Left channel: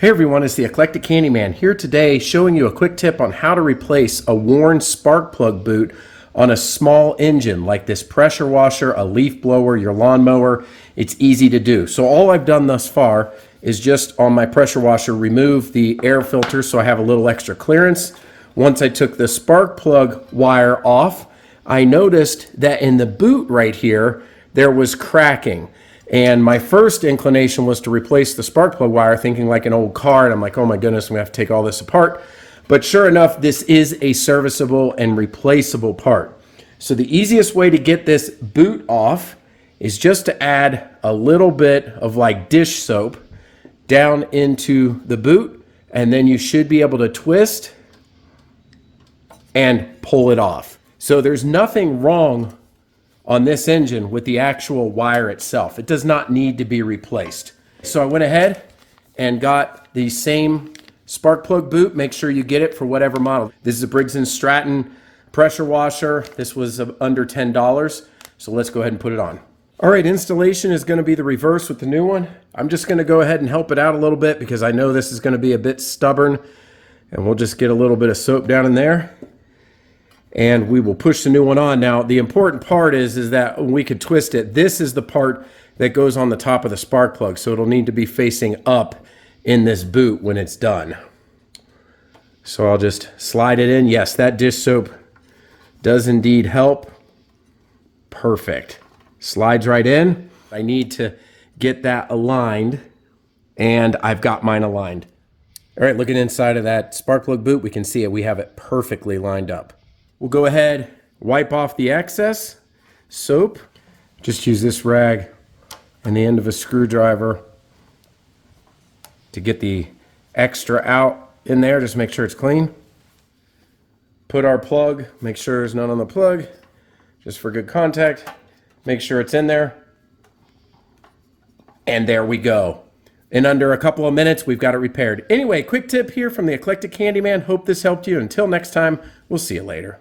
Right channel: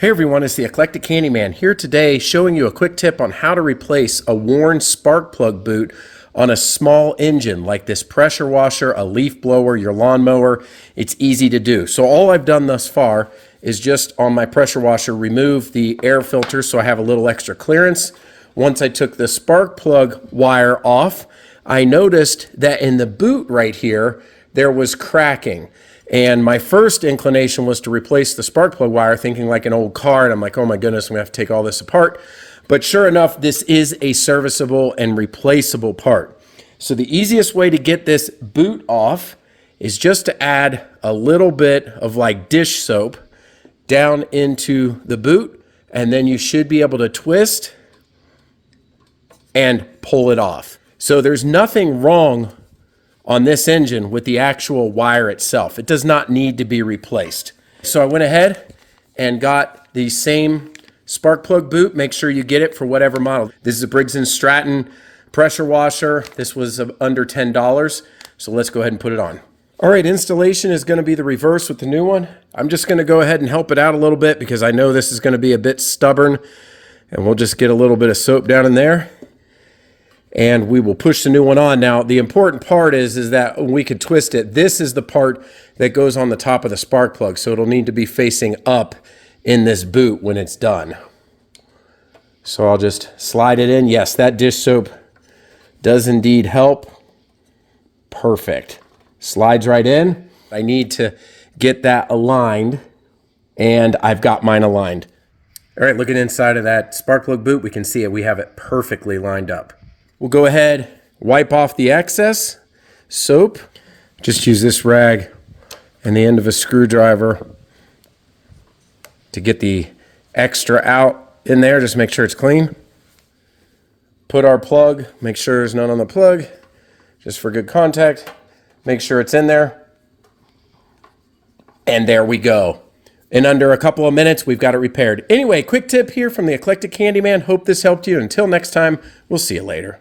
Hey everyone, it's the Eclectic Candyman here today showing you a quick tip on how to replace a worn spark plug boot on a small engine like this pressure washer, a leaf blower, your lawnmower. It's easy to do. So all I've done thus far is just on my pressure washer remove the air filter so I have a little extra clearance. Once I took the spark plug wire off, I noticed that in the boot right here there was cracking. And my first inclination was to replace the spark plug wire, thinking like an old car, and I'm like, oh my goodness, I'm gonna have to take all this apart. But sure enough, this is a serviceable and replaceable part. So the easiest way to get this boot off is just to add a little bit of like dish soap down into the boot, and then you should be able to twist and pull it off. So there's nothing wrong on this engine with the actual wire itself. It does not need to be replaced. So I went ahead and got the same spark plug boot. Make sure you get it for whatever model. This is a Briggs Stratton pressure washer. This was under $10. So let's go ahead and put it on. All right, installation is going to be the reverse with the new one. I'm just going to go ahead and help it out a little bit because I know this is going to be a bit stubborn, and we'll just get a little bit of soap down in there. And we will push the new one on. Now, the important part is that we could twist it. This is the part that goes on the top of the spark plug, so it'll need to be facing up in this boot when it's done. So I'll just slide it in. Yes, that dish soap does indeed help. Perfect. Slides right in. I need to get that aligned, and I've got mine aligned. All right, looking inside of that spark plug boot, we can see it. We have it perfectly lined up. We'll go ahead, wipe off the excess soap. Just use this rag and the end of a screwdriver to get the extra out in there. Just make sure it's clean. Put our plug, make sure there's none on the plug, just for good contact. Make sure it's in there. And there we go. In under a couple of minutes, we've got it repaired. Anyway, quick tip here from the Eclectic Candyman. Hope this helped you. Until next time, we'll see you later.